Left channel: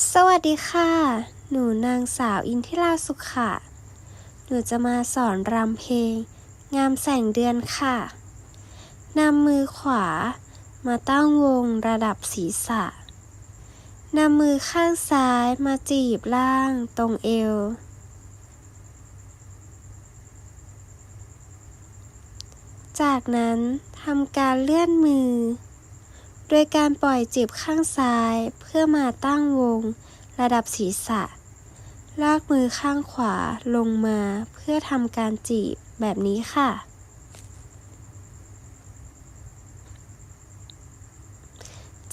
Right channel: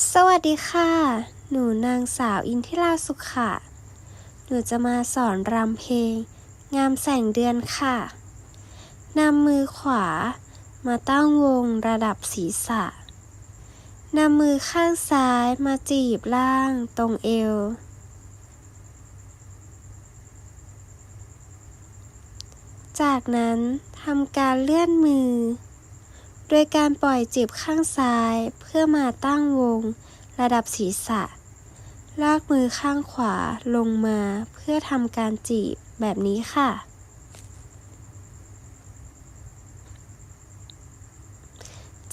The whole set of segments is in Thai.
สวัสดีค่ะ หนูนางสาวอินทิราสุขค่ะ หนูจะมาสอนรำเพลง งามแสงเดือนค่ะ นำมือขวา มาตั้งวงระดับศีรษะ นำมือข้างซ้ายมาจีบล่างตรงเอว จากนั้นทำการเลื่อนมือ ดยการปล่อยจีบข้างซ้ายเพื่อมาตั้งวง ระดับศีรษะ ลากมือข้างขวาลงมาเพื่อทำการจีบแบบนี้ค่ะ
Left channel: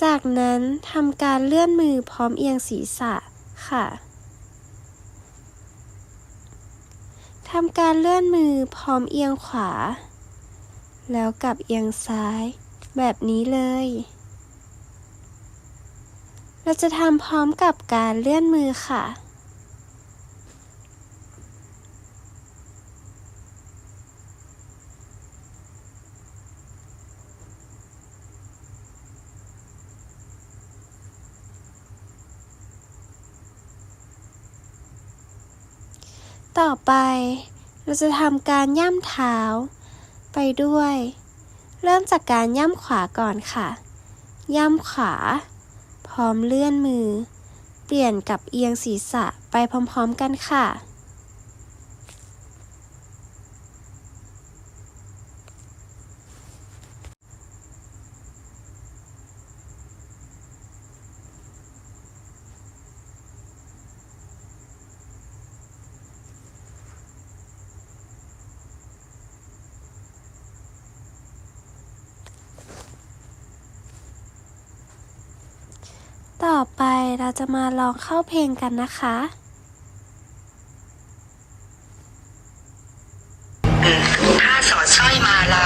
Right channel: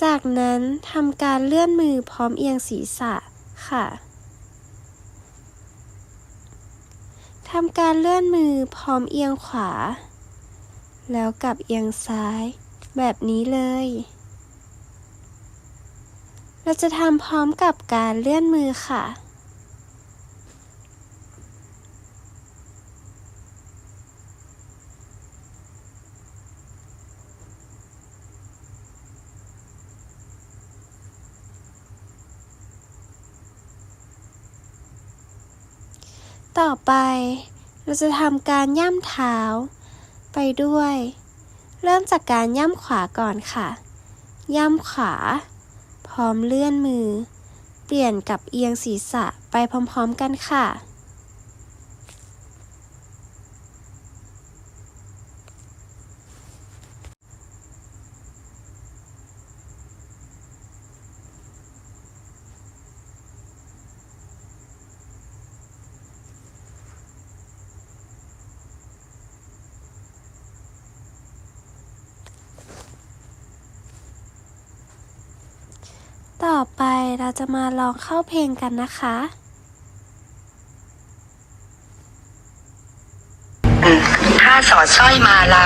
จากนั้นทำการเลื่อนมือพร้อมเอียงศีรษะค่ะทำการเลื่อนมือพร้อมเอียงขวา แล้วกลับเอียงซ้าย แบบนี้เลย เราจะทำพร้อมกับการเลื่อนมือค่ะ ต่อไปเราจะทำการย่ำเท้า ไปด้วย เริ่มจากการย่ำขวาก่อนค่ะ ย่ำขวา ร้อมเลื่อนมือ เปลี่ยนกับเอียงศีรษะไปพร้อมๆกันค่ะ ต่อไปเราจะมาลองเข้าเพลงกันนะคะ ถ้าสอดสร้อยมาลา